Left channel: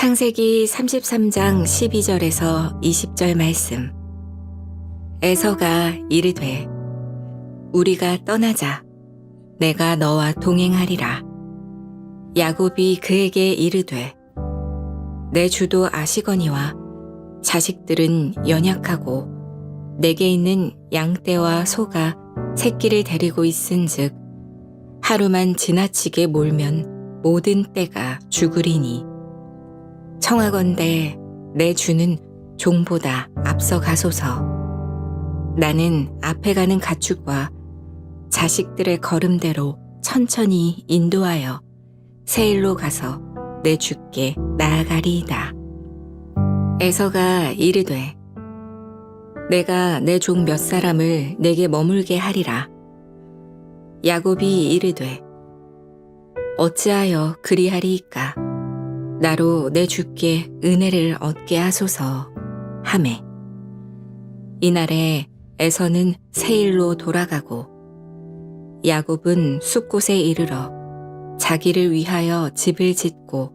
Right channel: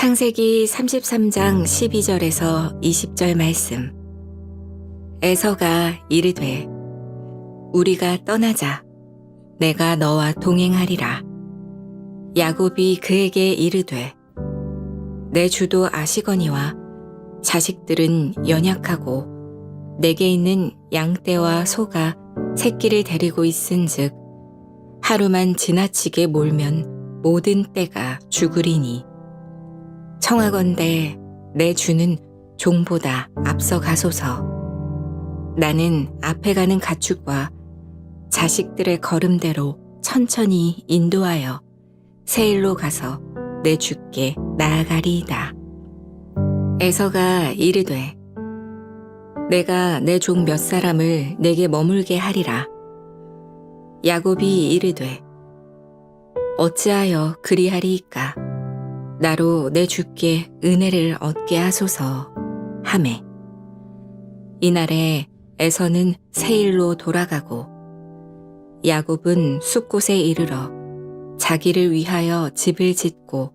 창세기 33장 12절에서 20절 말씀. 에서가 이르되 우리가 떠나자. 내가 너와 동행하리라. 야곱이 그에게 이르되 내 주도 아시거니와 자식들은 연약하고 내게 있는 양떼와 소가 새끼를 데리고 있은즉 하루만 지나치게 몰면 모든 떼가 죽으리니 청하건대 내 주는 종보다 앞서 가소서. 나는 앞에 가는 가축과 자식들의 걸음대로 천천히 인도하여 세일로 가서 내 주께 나아가리이다. 에서가 이르되 내가 내 종 몇 사람을 내게 머물게 하리라. 야곱이 이르되 어찌하여 그리하리이까. 나로 내 주께 은혜를 얻게 하소서 하매. 이날에 에서는 세일로 돌아가고 야곱은 숫곳에 이르러 자기를 위하여 집을 짓고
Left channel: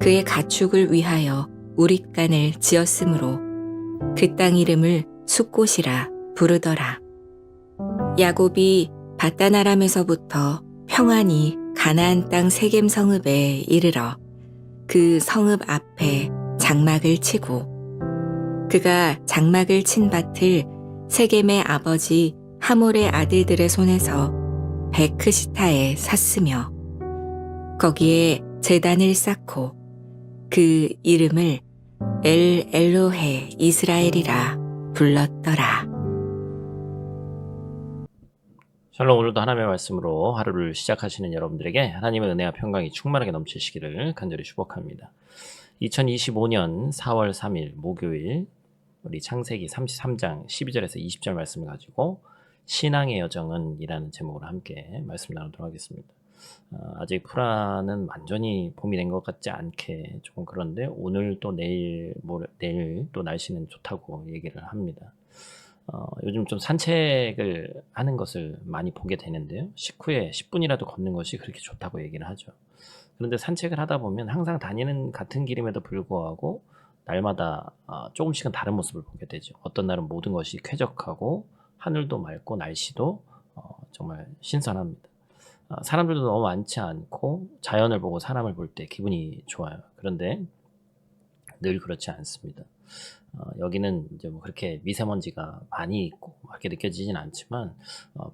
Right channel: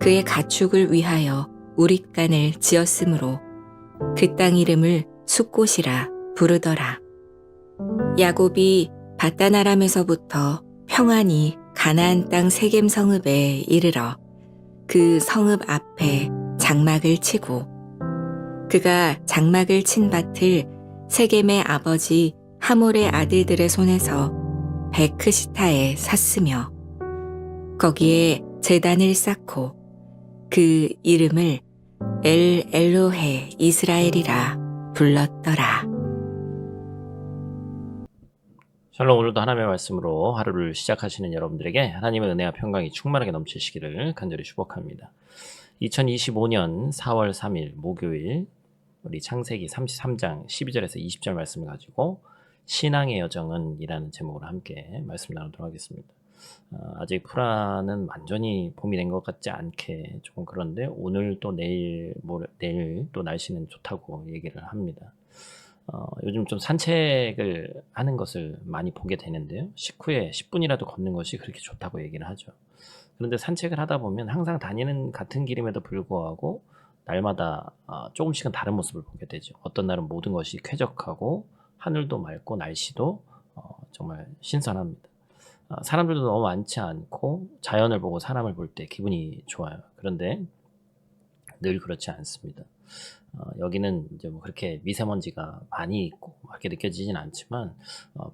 그의 가축을 위하여 우릿간을 지었으므로 그 땅 이름을 숫곳이라 부르더라. 야곱이 밧단 아람에서부터 평안히 가나안 땅 세겜 성읍에 이르러 그 성읍 앞에 장막을 치고 그가 장막을 친 밭을 세겜의 아버지 하몰의 아들들의 손에서 베크시타에 샀으며 거기에 제단을 쌓고 그 이름을 엘 엘로헤 이스라엘이라 불렀더라. 샬롬. 오늘도 하나님의 말씀으로 하루를 시작하시는 여러분들에게 하나님의 은혜와 평강이 충만하게 넘치시기를 간절히 축복합니다. 2025년 4월 3일 목요일 우리 창세기 33장 12절에서 20절 말씀을 가지고 신앙의 여정은 이라는 제목으로 함께 말씀 나누도록 하겠습니다. 아직 프라는 완전히 봄이 된 것 같지 않게 조금 그런데 오늘 또 내일 또 날씨는 좋다고 얘기를 합니다. 요즘 좀 산책을 하는 것을 많이 보게 되는데요. 식후에 10분이라도 걷는 것이 그렇게 좋다고 얘기를 하죠. 그런데 산책을 하다 보면 항상 다니는 같은 길임에도 불구하고 날마다 조금씩은 다른 모습을 보게 되죠. 어떤 날은 모든 것이 쾌적하고 하늘도 맑고 날씨도 정말 신선합니다. 사람들도 너무 많지 않고 자연을 보고 사람을 볼 때 기분이 좋아요. 그런데 늘 그렇지 않습니다. 여기는 이제 뭐 그렇게 미세먼지가 많이 있고 그렇게 느껴지진 않지만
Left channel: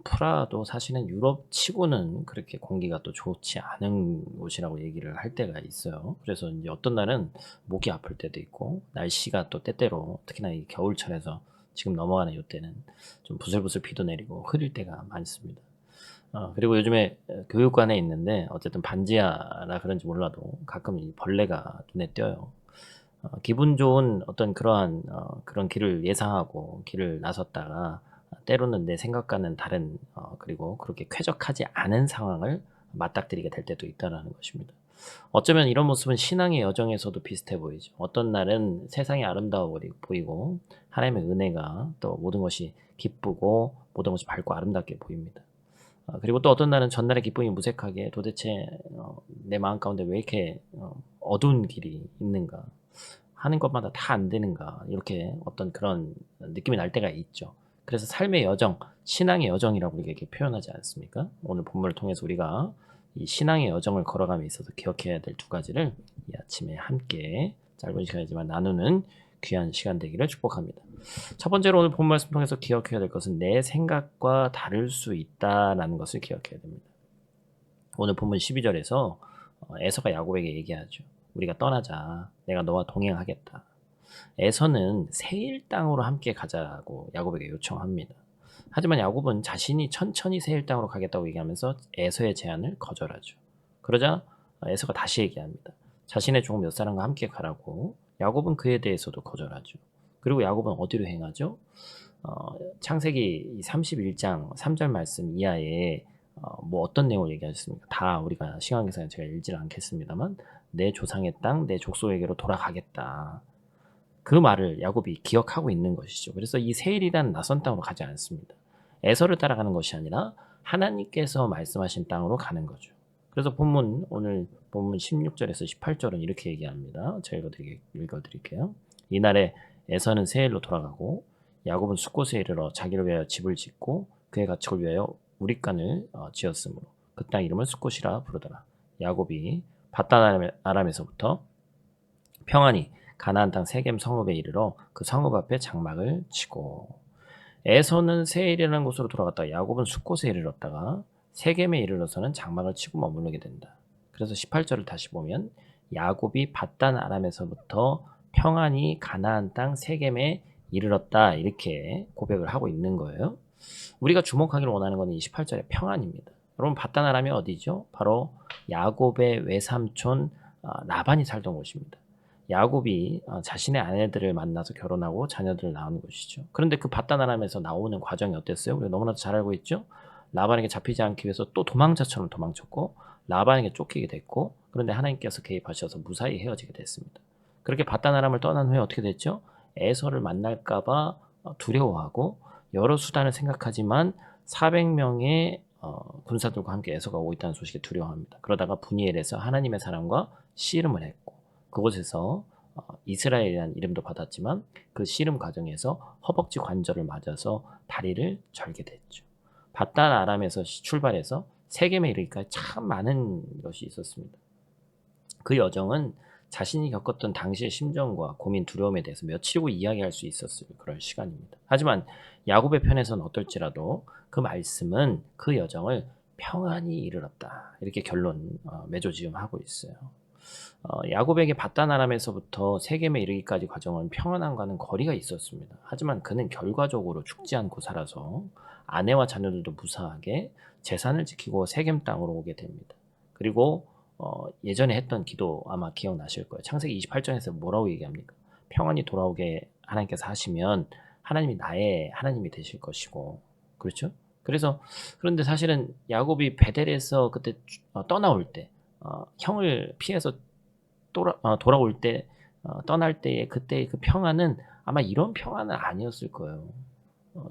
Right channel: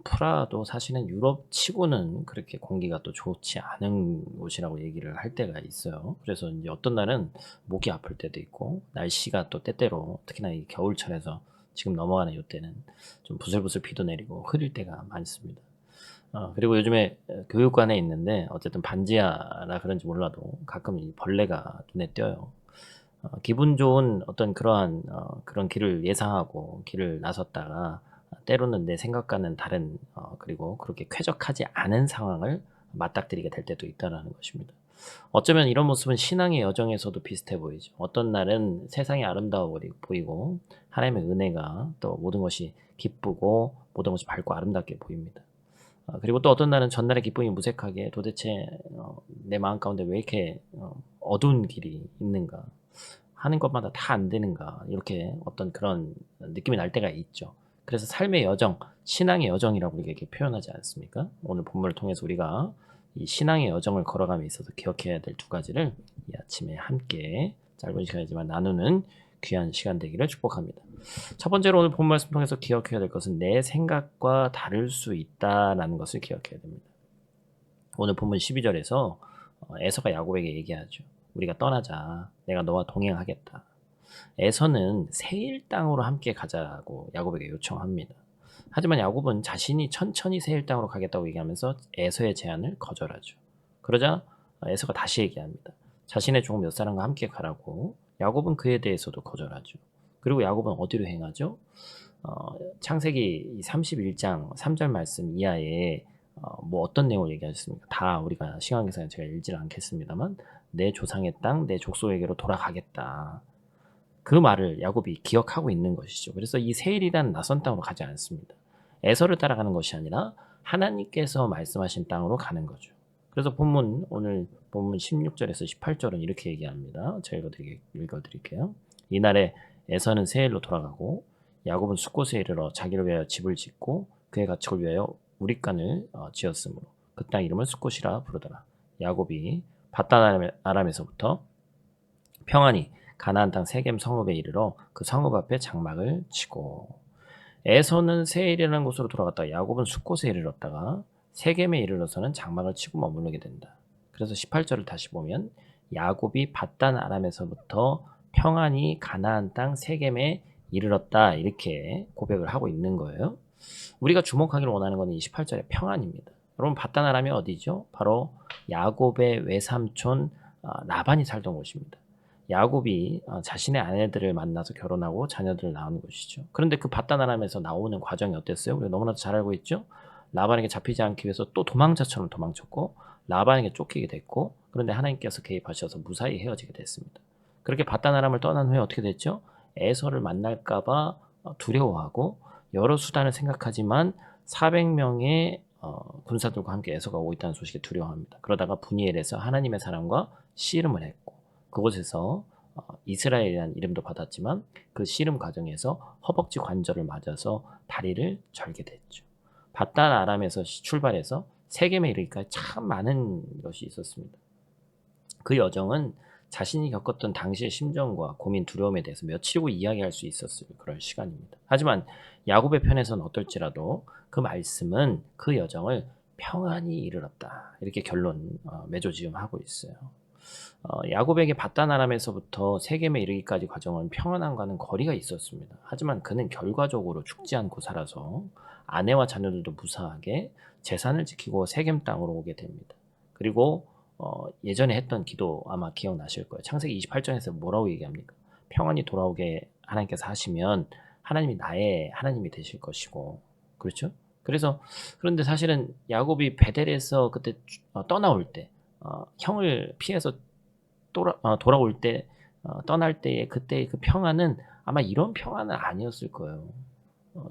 프라도 사실은 유럽 치고는 그렇게 공기가 또 좋지 않은 곳이라고 얘기를 할 때가 있어요. 그래서 이제 어떤 날은 목이 아플 때도 있고 날씨가 또 때때로 특히나 이 겨울철에서 지금 넘어가는 이때는 좀 부슬부슬 비도 내리고 흐릴 때가 많습니다. 그리고 요즘에 교육관에 있는데 어쨌든 반지하라 그런지 몰라도 가끔 이 벌레가 눈에 띄어요. 기분 좋은 어떤 그러한 그런 길을 예상하고 길을 나섰다가 때로는 내 생각과는 다른 그리고 그렇게 쾌적하지 않은 상황을 맞닥뜨리게 될 때도 있다는 것입니다. 어쩌면 이런 모습은 신앙의 여정에서도 비슷해 보이죠. 어떤 날은 세상이 아름다워 보이고 하나님의 은혜가 또 모든 것이 기쁘고 모든 것이 밝고 아름답게 보입니다. 그리고 또 어떤 날은 전날의 기쁨이 무색하게 도대체 내 마음 가운데 왜 이렇게 어두운 길이 있는가, 하는 것마다 다 안 되는가, 이렇게 어떤 그런 느낌이 날 때가 있죠. 그래서 삶의 여정, 신앙의 여정이라고 이렇게 표현하지 않습니까? 오늘 본문을 통해서 우리가 이 신앙의 여정을 걸어감에 있어서 기억해야 될 두 가지를 이 아침에 함께 짧은 시간이지만 나누는 귀한 시간 되기를 축복합니다. 첫 번째로 오늘 본 말씀 통해서 기억해야 될 것은 내 생각과 다를 수 있다라는 것을 기억해야 됩니다. 오늘 본문 12절에서 에서가 야곱에게 얘기하죠. 우리가 떠나자. 내가 너와 동행하겠다. 에서는 세일 땅으로 함께 가자고 야곱에게 요청합니다. 하지만 야곱은 자신이 천천히 세일 땅으로 가겠다고 얘기하면서 에서의 제안을 거절하죠. 그러자 에서가 다시 얘기합니다. 자신의 종 몇 사람과 함께 가라고. 야곱은 그에 대해서도 거절하죠. 그리고 야곱은 어디로 행하죠? 창세기 31장 3절 말씀 이하에 뭐 어떤 내용을 얘기하셨습니까? 다 우리가 시간 계산에 제가 읽지 않겠습니다만 내 조상의 땅, 내 족속에게로 돌아가겠다. 그 말을 야곱이 기억하고 있는 것이죠. 그래서 이 세일이라는 낯선 땅으로 가지 않습니다. 에서를 따라가는 것이 아니라 하나님께서 말씀하신 땅으로 가는 거죠. 그래서 오늘 본문 16절에서 18절은 이렇게 얘기합니다. 제가 읽어드릴게요. 이날에 에서는 세일로 돌아가고 야곱은 숫곳에 이르러 자기를 위하여 집을 짓고 그의 가축을 위하여 우릿간을 지었으므로 그 땅 이름을 숫곳이라 부르더라. 야곱이 밧단 아람에서부터 평안히 가나안 땅 세겜 성읍에 이르러 그 성읍 앞에 장막을 치고 에서는 세일이라는 곳으로 돌아갔다가 야곱은 숫곳에 이르렀다가 세겜에 이르러서는 장막을 치고 머무르게 된다. 그래서 18절을 다시 보면 야곱이 밧단 아람에서부터 평안히 가나안 땅 세겜에 이르렀다 이렇게 고백을 하고 있는 거예요. 우리가 주목하기를 원하는 것은 28절의 평안입니다. 여러분 밧단 아람이 어디죠? 바로 야곱의 외삼촌 라반이 살던 곳입니다. 야곱이 자신의 아내들을 만나서 결혼하고 자녀들을 낳은 곳이죠. 그런데 그 밧단 아람에서 나오는 과정이 어땠어요? 우리가 너무나도 잘 알고 있죠. 라반에게 잡히지 않기 위해서 또 도망자처럼 도망쳤고 라반에게 쫓기게 됐고 그런데 하나님께서 개입하셔서 무사히 헤어지게 됐습니다. 그렇게 밧단 아람을 떠난 후에 어떻게 됐죠? 에서를 만날까봐 두려워하고 여러 수단을 생각하지만 400명의 군사들과 함께 에서가 오고 있다는 소식에 두려워합니다. 그러다가 분이엘에서 하나님의 사람과 씨름을 했고 그곳에서 이스라엘이라는 이름도 받았지만 그 씨름 과정에서 허벅지 관절을 맞아서 다리를 절게 됐죠. 밧단 아람에서 출발해서 세겜에 이르기까지 참 많은 것이 있었습니다. 그 여정은 자신이 겪었던 당시의 심정과 고민, 두려움에 대해서 며칠이고 이야기할 수 있었을 그런 시간입니다. 하지만 야곱의 편에서는 어떨지라도 그 말씀은 그 여정을 평안히 이르렀다. 이렇게 결론 맺어지음하고 있어요. 야곱에게 밧단 아람에서부터 세겜에 이르기까지 과정은 평안함과는 거리가 있었습니다. 하지만 그는 결과적으로 죽지 않고 살아서 아내와 자녀들도 무사하게 재산을 지키고 세겜 땅으로 오게 됩니다. 그리고 예전에 했던 기도 아마 기억나실 거예요. 창세기 28장에서 뭐라고 얘기합니까? 평안히 돌아오게 하나님께서 하시면 하나님이 나의 하나님이 되실 것이고 그렇죠? 그런데 사실은 야곱이 베델에서 그때 떠나올 때 형을 피해서 돌아올 때 떠날 때의 그때의 그 평안은 아마 이런 평안은 아니었을 거예요.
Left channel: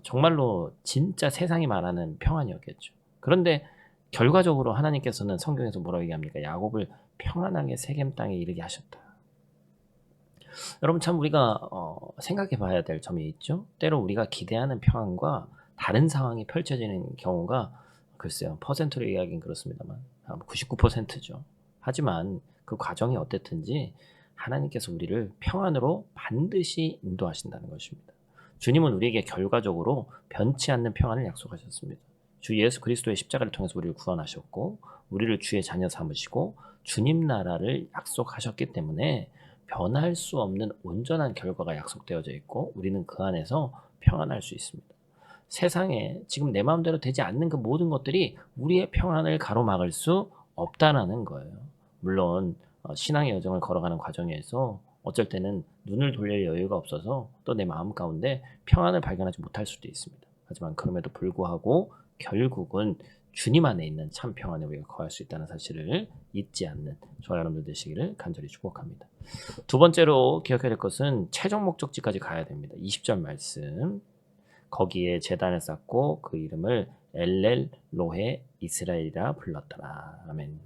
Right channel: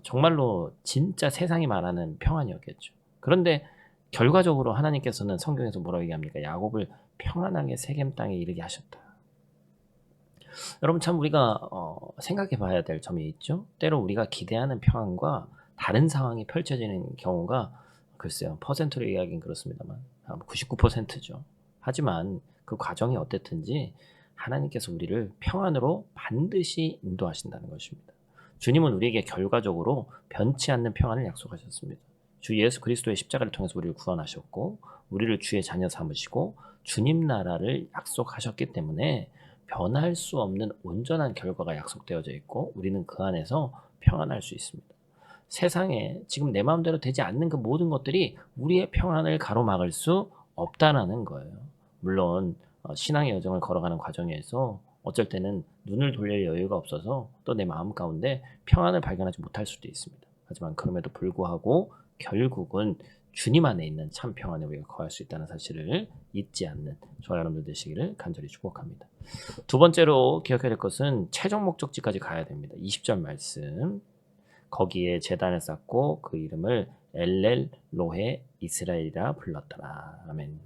정말로 진짜 세상이 말하는 평안이었겠죠. 그런데 결과적으로 하나님께서는 성경에서 뭐라고 얘기합니까? 야곱을 평안하게 세겜 땅에 이르게 하셨다. 여러분 참 우리가 생각해 봐야 될 점이 있죠. 때로 우리가 기대하는 평안과 다른 상황이 펼쳐지는 경우가 글쎄요. 퍼센트로 이야기는 그렇습니다만 99%죠. 하지만 그 과정이 어땠든지 하나님께서 우리를 평안으로 반드시 인도하신다는 것입니다. 주님은 우리에게 결과적으로 변치 않는 평안을 약속하셨습니다. 주 예수 그리스도의 십자가를 통해서 우리를 구원하셨고 우리를 주의 자녀 삼으시고 주님 나라를 약속하셨기 때문에 변할 수 없는 온전한 결과가 약속되어져 있고 우리는 그 안에서 평안할 수 있습니다. 세상에 지금 내 마음대로 되지 않는 그 모든 것들이 우리의 평안을 가로막을 수 없다라는 거예요. 물론 신앙의 여정을 걸어가는 과정에서 어쩔 때는 눈을 돌릴 여유가 없어서 또 내 마음 가운데 평안을 발견하지 못할 수도 있습니다. 하지만 그럼에도 불구하고 결국은 주님 안에 있는 참 평안에 우리가 거할 수 있다는 사실을 잊지 않는 저와 여러분들 되시기를 간절히 축복합니다. 두 번째로 기억해야 될 것은 최종 목적지까지 가야 됩니다. 20절 말씀. 거기에 제단을 쌓고 그 이름을 엘렐 로헤 이스라엘이라 불렀더라. 아멘.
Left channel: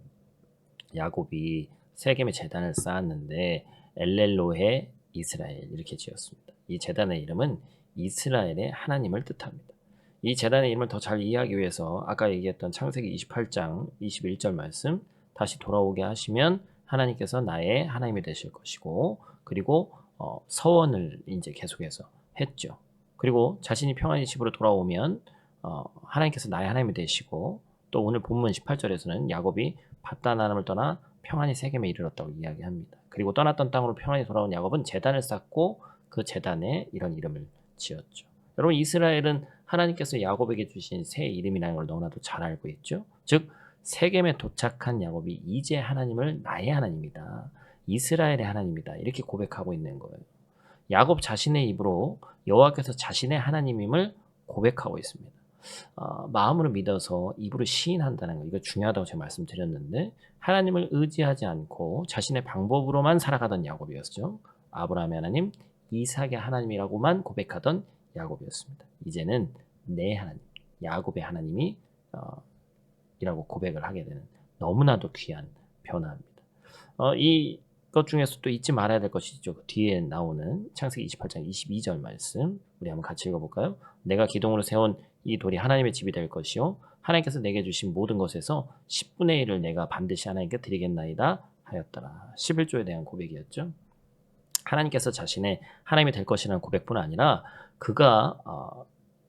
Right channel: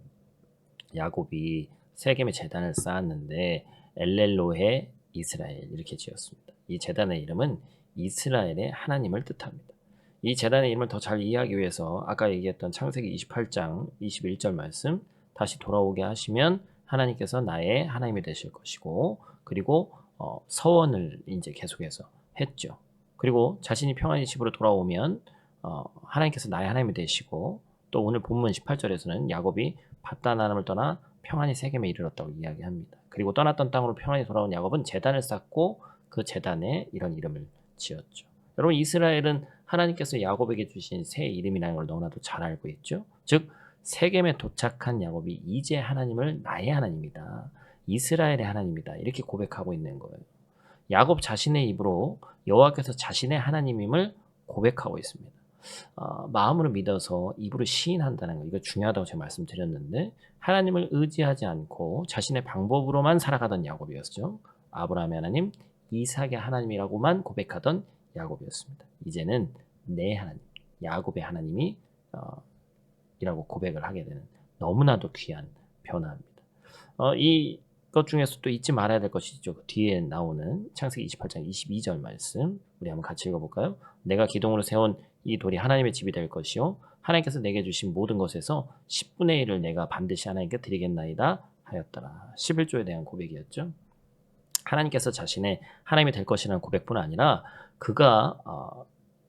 야곱이 세겜에 제단을 쌓았는데 엘렐 로헤 이스라엘 이렇게 지었습니다. 이 제단의 이름은 이스라엘의 하나님을 뜻합니다. 이 제단의 이름을 더 잘 이해하기 위해서 아까 얘기했던 창세기 28장 21절 말씀 다시 돌아오게 하시면 하나님께서 나의 하나님이 되실 것이고 그리고 서원을 이제 계속해서 했죠. 그리고 자신이 평안히 집으로 돌아오면 하나님께서 나의 하나님이 되시고 또 오늘 본문 18절에서는 야곱이 밧단 아람을 떠나 평안히 세겜에 이르렀다고 이야기합니다. 그리고 떠났던 땅으로 평안히 돌아온 야곱은 제단을 쌓고 그 제단에 이런 이름을 지었죠. 여러분 이스라엘은 하나님께서 야곱에게 주신 새 이름이라는 걸 너무나도 잘 알고 있죠. 즉 세겜에 도착한 야곱이 이제 하나님을 나의 하나님이다. 이스라엘의 하나님이다. 이렇게 고백하고 있는 거예요. 야곱 자신의 입으로 여호와께서 자신의 하나님임을 고백하고 있습니다. 마음으로 믿어서 입으로 시인한다는 거 이거 중요하다고 제가 말씀드렸는데 하나님을 의지하지 않고 자신의 방법으로만 살아가던 야곱이었죠. 아브라함의 하나님, 이삭의 하나님이라고만 고백하던 야곱이었습니다. 이제는 내 하나님, 야곱의 하나님이 이라고 고백을 하게 되는 너무나도 귀한 변화입니다. 이것 중에서 또 잊지 말아야 될 것이죠. 그 뒤에 나오는 창세기 28장 22절 말씀 우리 한번 같이 읽어볼까요? 내가 기둥으로 세운 이 돌이 하나님의 집이 될 것이요 하나님께서 내게 주신 모든 것에서 10분의 1을 내가 반드시 하나님께 드리겠나이다 하였더라. 11조에 대한 고백이었죠. 하나님께서 자신의 하나님이 될 것이라는 고백뿐 아니라 그가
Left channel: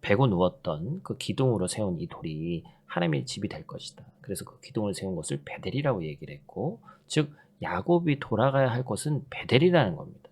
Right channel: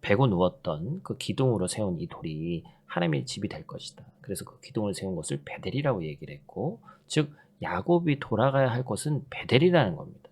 베고 누웠던 그 기둥으로 세운 이 돌이 하나님의 집이 될 것이다. 그래서 그 기둥을 세운 것을 베델이라고 얘기를 했고, 즉 야곱이 돌아가야 할 것은 베델이라는 겁니다.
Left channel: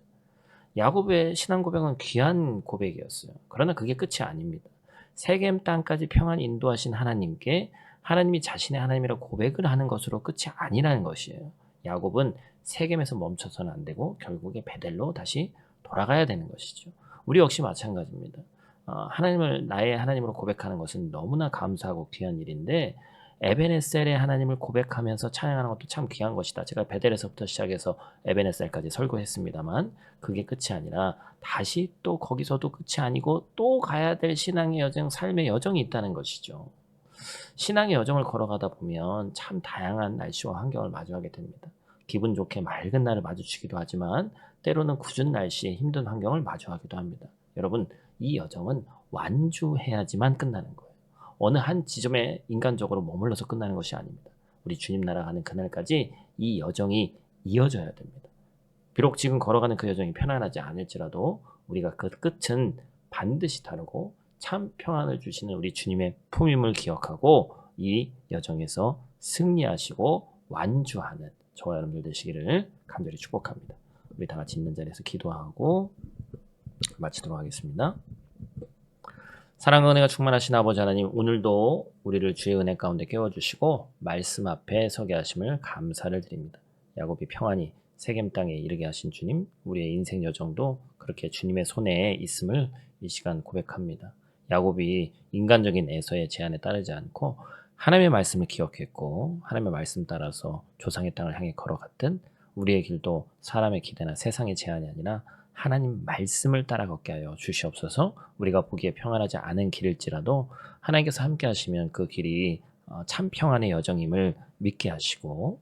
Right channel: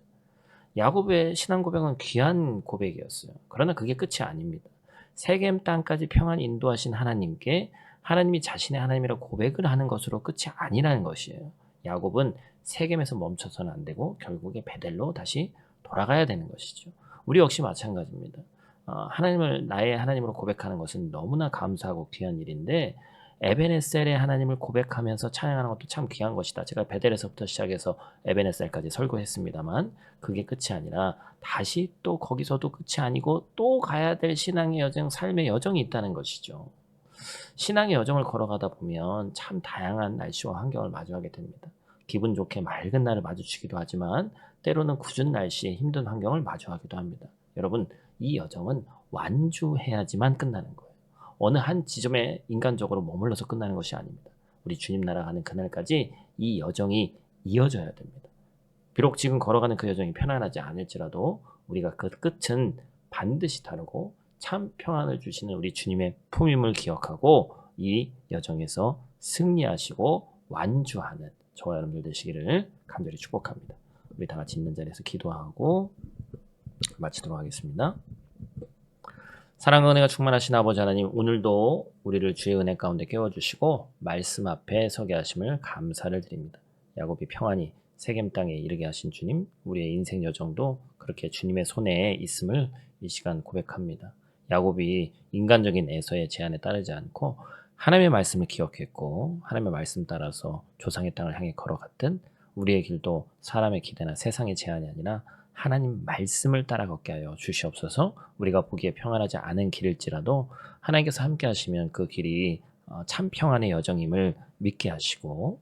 야곱의 신앙 고백은 귀한 고백이었어요. 그러나 그게 끝이 아닙니다. 세겜 땅까지 평안히 인도하신 하나님께 하나님이 자신의 하나님이라고 고백을 하는 것으로 끝이 아니라는 것이에요. 야곱은 세겜에서 멈춰서는 안 되고 결국에 베델로 다시 돌아가야 되는 것이죠. 우리 역시 마찬가지입니다. 하나님을 나의 하나님으로 고백하는 것은 너무나 감사하고 귀한 일인데 에베네셀의 하나님을 고백하면서 찬양하는 것도 참 귀한 것이다. 제가 베델에서부터 시작해서 에베네셀까지 설교했습니다만 그게 끝이 아니라 다시 또 거기서도 끝이 아니고 또 가야 될 신앙의 여정, 삶의 여정이 있다는 것이죠. 신앙의 여정을 걸어가다 보면 참 다양한 날씨와 환경을 마주하게 됩니다. 기분 좋게 맑은 날을 마주치기도 하지만 때로는 궂은 날씨에 힘든 환경을 마주하기도 합니다. 여러분, 이 여정은 완주해야지만 끝나는 거예요. 어느 한 지점에 인간적으로 머물러서 끝나는 것이 아닙니다. 우리 주님 나라 가는 그날까지 이 여정이 이어져야 됩니다. 비록 지금 걸어가는 그 여정이 편안하지 않을지라도 우리가 그 끝은 반드시 다르고 참 평안을 주시는 우리 주님의 품임을 기억하고 이 여정에서 승리하시고 완주하는 저와 여러분들 되시기를 간절히 축복합니다. 우리 다 같이 있는 자리에서 기도하고 마치도록 하겠습니다. 사랑과 은혜가 충만하신 아버지 하나님, 오늘도 우리를 주의 은혜 가운데 깨워주시고 말씀 앞에 서게 하심을 감사를 드립니다. 야곱이 평안히 세겜 땅에 이르게 하신 주님, 우리의 인생 여정도 그렇게 주님의 손에 있음을 이 시간 고백합니다. 야곱이 인간적인 애서의 제한에 따르지 않고 하나님의 말씀을 기억했고 하나님의 말씀 따라서 조상의 땅을 향해 걸어갔던 우리의 길도 사람의 기대나 세상의 제한이 아니라 하나님 말씀을 따라 걷게 하여 주시옵소서. 우리가 보기에 평안하지 않은 길일지라도 하나님께서 함께 하시면 그 길이 참 평안의 여정임을 믿게 하시고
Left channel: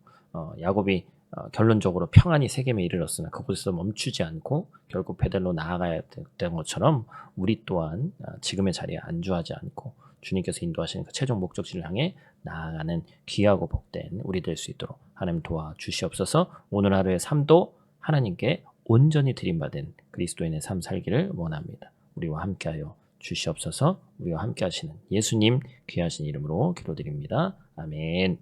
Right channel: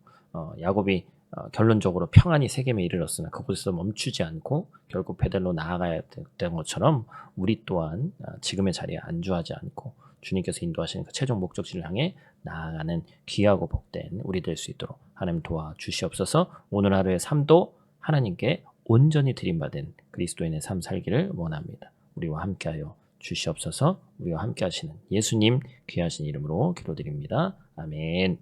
야곱이 결론적으로 평안히 세겜에 이르렀으나 그곳에서 멈추지 않고 결국 베델로 나아가야 된 것처럼 우리 또한 지금의 자리에 안주하지 않고 주님께서 인도하시는 그 최종 목적지를 향해 나아가는 귀하고 복된 우리 될 수 있도록 하나님 도와주시옵소서. 오늘 하루의 삶도 하나님께 온전히 드림받은 그리스도인의 삶 살기를 원합니다. 우리와 함께하여 주시옵소서. 우리와 함께 하시는 예수님 귀하신 이름으로 기도드립니다. 아멘.